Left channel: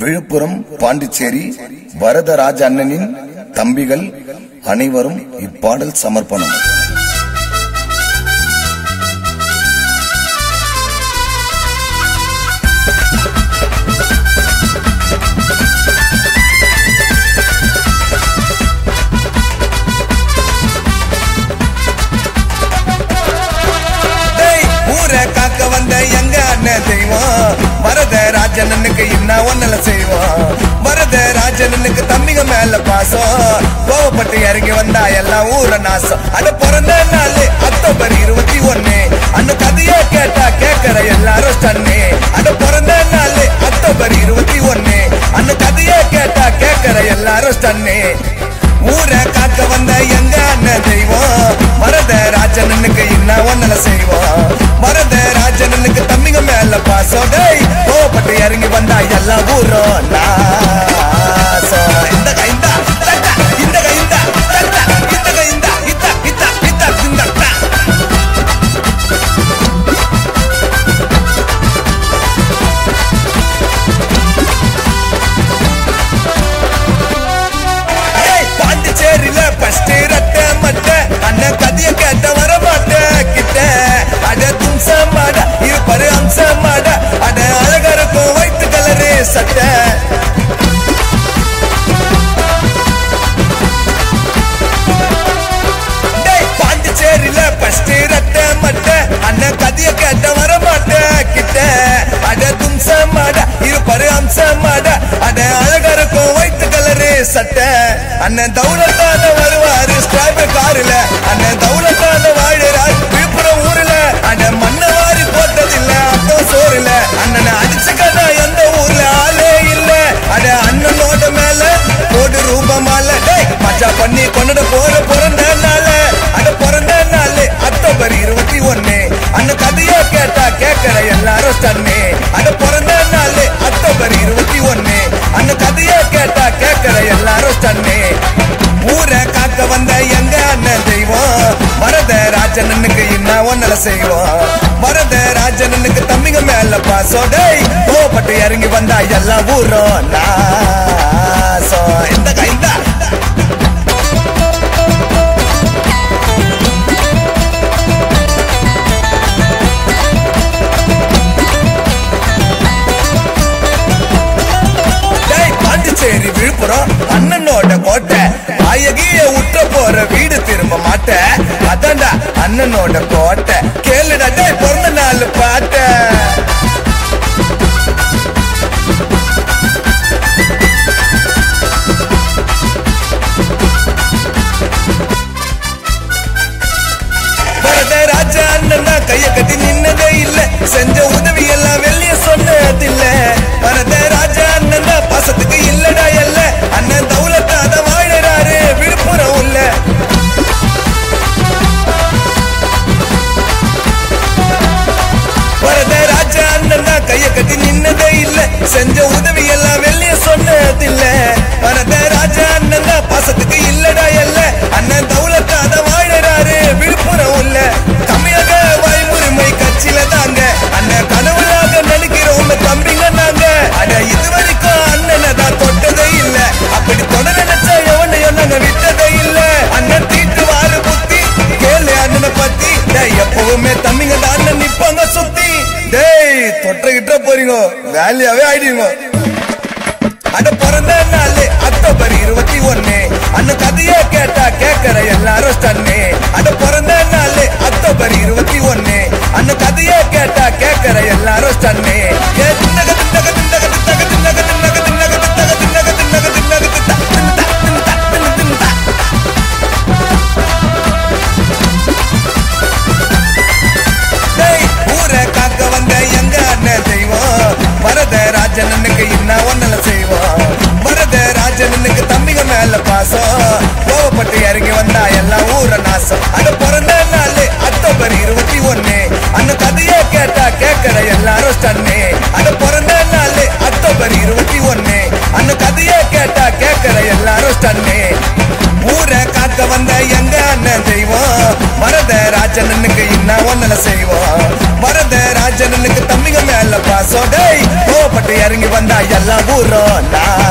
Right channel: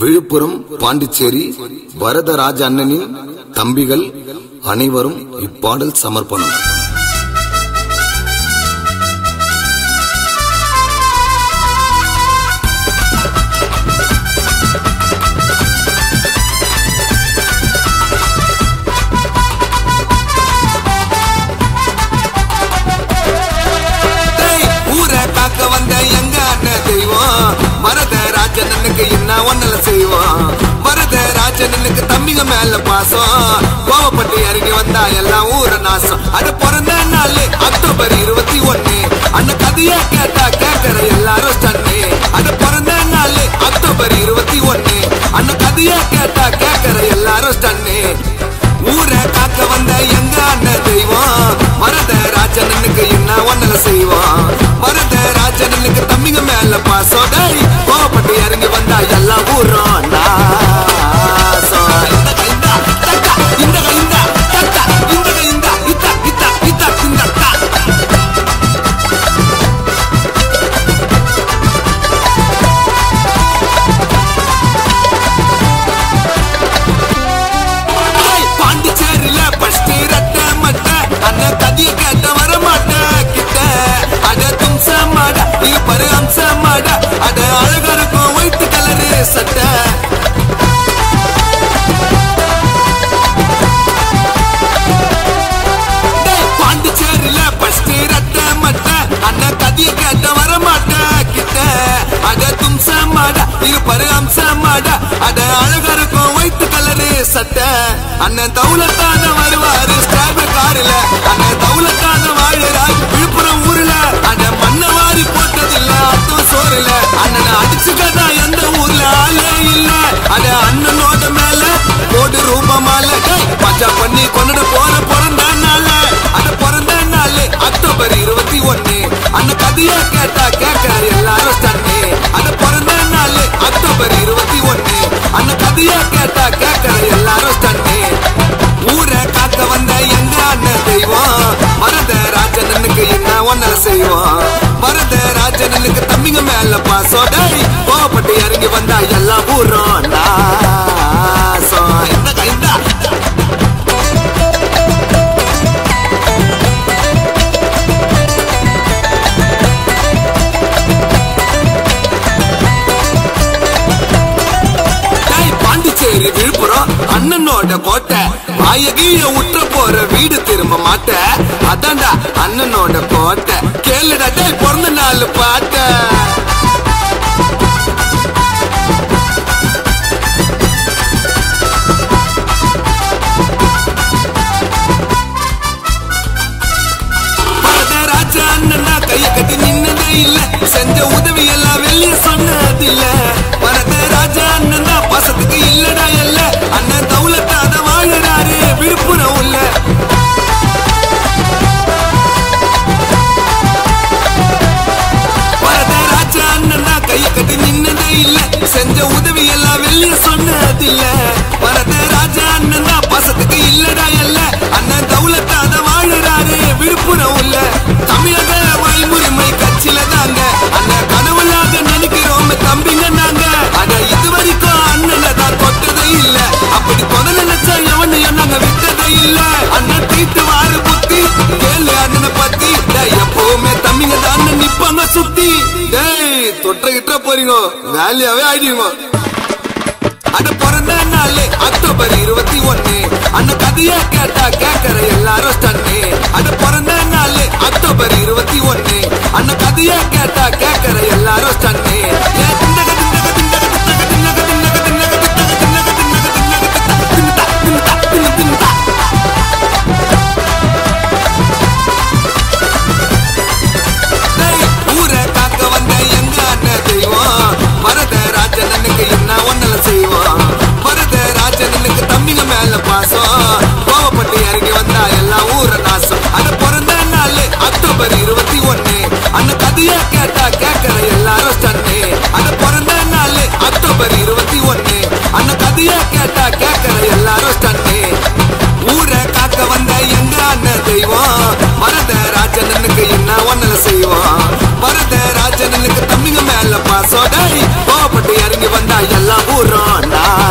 விழுப்புரம், பாண்டிச்சேரி வரதராஜ அண்ணனின் தம்பிகள் அனைவரும் இப்பாடல் சமர்ப்பணம். வரதராஜனுக்கு என்ன ஒன்னல செய்வோம். வரதராஜனுக்கு தம்பிங்க மேல பாசம், கோவப்பட்டு இறங்கி வந்தா எல்லாம் ஊர நாசம். அட பிறந்த நாள் அக்டோபர் 21, அண்ணன் கதையே கேட்டா கேட்கற எல்லாரும் ஸ்டன்னு. அட பிறந்த நாள் அக்டோபர் 21, அண்ணன் கதையே கேட்டா கேட்கற எல்லாரும் ஸ்டன்னு. ஊரை காக்க வந்த எங்க அண்ணன் தெய்வம், வரதராஜனுக்கு என்ன ஒன்னல செய்வோம். வரதராஜனுக்கு தம்பிங்க மேல பாசம், கோவப்பட்டு இறங்கி வந்தா எல்லா ஊரும் நாசம். இந்த கைந்தா தட்டா, இந்த கைந்தா தட்டா, இந்த கைந்தா இத்தா இத்தா இத்தா திண்டா. பாண்டிச்சேரியில பஸ்ட் ரட்ட மட்ட, அண்ணன் கதைய கேட்ட வர மாட்டேன் கிட்ட. அட தும்ச மாட இருப்பாரு அம்ச மாட, அட அழகா இருக்கும் ஒயிட் கலரு சட்டை. பாண்டிச்சேரியில பஸ்ட் ரட்ட மட்ட, அண்ணன் கதைய கேட்ட வர மாட்டேன் கிட்ட. அட தும்ச மாட இருப்பாரு அம்ச மாட, அட அழகா இருக்கும் ஒயிட் கலரு சட்டை. அண்ணன் தௌலத்தான வருவாரு ஸ்டாபர் காருல, அண்ணன் தௌலத்தான வாழுறாரு விழுப்புரம் ஊர்ல. அட மண்ணவாரி போட்டதில்ல அர்த்தம் சோறுல, அண்ணனை அடிச்சுக்கதா எந்த ஊர்ல ஆளே இல்ல. அட அண்ணனோட மேல கோடி ரூபமால மஜா பண்ணி கொண்டுட போற பிறந்த நாள். அட பிறந்த நாள் அக்டோபர் 21, அண்ணன் கதையா கேட்டா கேட்கற எல்லாரும் ஸ்டன்னு. அட பிறந்த நாள் அக்டோபர் 21, அண்ணன் கதையா கேட்டா கேட்கற எல்லாரும் ஸ்டன்னு. ஊரை காக்க வந்த எங்க அண்ணன் தெய்வம், வரதராஜனுக்கு என்ன ஒன்னல செய்வோம். வரதராஜனுக்கு தம்பிங்க மேல பாசம், கோவப்பட்டு இறங்கி வந்தா எல்லா ஊரும் நாசம். இந்த கைந்தா பாண்டிச்சேரி விழுப்புரம் அண்ணனோட கோட்டை, வாயகிய உற்ற போற வீடு திரும்ப மாட்ட. அதான்டா அண்ணனோட கோட்டை, கேளுடா பிறந்த நாள் பாட்ட. வரதராஜ அண்ணனா கைய கட்டி நின்னதே இல்ல, செஞ்ச உதவி எல்லாம் வெளிய சொன்னதில்ல. வரதராஜ அண்ணன் பாசத்துக்கு இல்லடா இல்ல, அண்ணன் தௌலத்தாத வாழுறாரு விழுப்புரம் உள்ள. வரதராஜ அண்ணன் கைய கட்டி நின்னதே இல்ல, செஞ்ச உதவி எல்லாம் வெளிய சொன்னதில்ல. வரதராஜ அண்ணன் பாசத்துக்கு இல்லடா இல்ல, அண்ணன் தௌலத்தாத வாழுறாரு விழுப்புரம் உள்ள. தமிழக வாய்முறைமை கட்சியில தாங்க அண்ணன் கனவுலாக நினைக்கிறோம் தம்பிங்க நாங்க. அட இது வரைக்கும் அண்ணனை தான் தொட்டதே இல்ல, அப்படி தொட நினைச்சா எவனையும் நாங்க விட்டதே இல்ல. அண்ணன் தீட்டு வாரு புத்தி கேளு அண்ணனை பத்தி, எப்பவுமே தம்பிங்க தான் அண்ணன் நிப்பாங்க சுத்தி. தொட்ட கிட்ட போறீங்க வேலையாவே ஆயிடுவீங்க. அட பிறந்த நாள் அக்டோபர் 21, அண்ணன் கதையா கேட்டா கேட்கற எல்லாரும் ஸ்டன்னு. அட பிறந்த நாள் அக்டோபர் 21, அண்ணன் கதையா கேட்டா கேட்கற எல்லாரும் ஸ்டன்னு. ஊரை காக்க வந்த எங்க அண்ணன் தெய்வம், வரதராஜனுக்கு என்ன ஒன்னல செய்வோம். வரதராஜனுக்கு தம்பிங்க மேல பாசம், கோவப்பட்டு இறங்கி வந்தா எல்லா ஊர நாசம். அட பிறந்த நாள் அக்டோபர் 21, அண்ணன் கதையா கேட்டா கேட்கற எல்லாரும் ஸ்டன்னு. அட பிறந்த நாள் அக்டோபர் 21, அண்ணன் கதையா கேட்டா கேட்கற எல்லாரும் ஸ்டன்னு. ஊரை காக்க வந்த எங்க அண்ணன் தெய்வம், வரதராஜனுக்கு என்ன ஒன்னல செய்வோம். வரதராஜனுக்கு தம்பிங்க மேல பாசம், கோவப்பட்டு இறங்கி வந்தா எல்லாம் ஊரும் நான்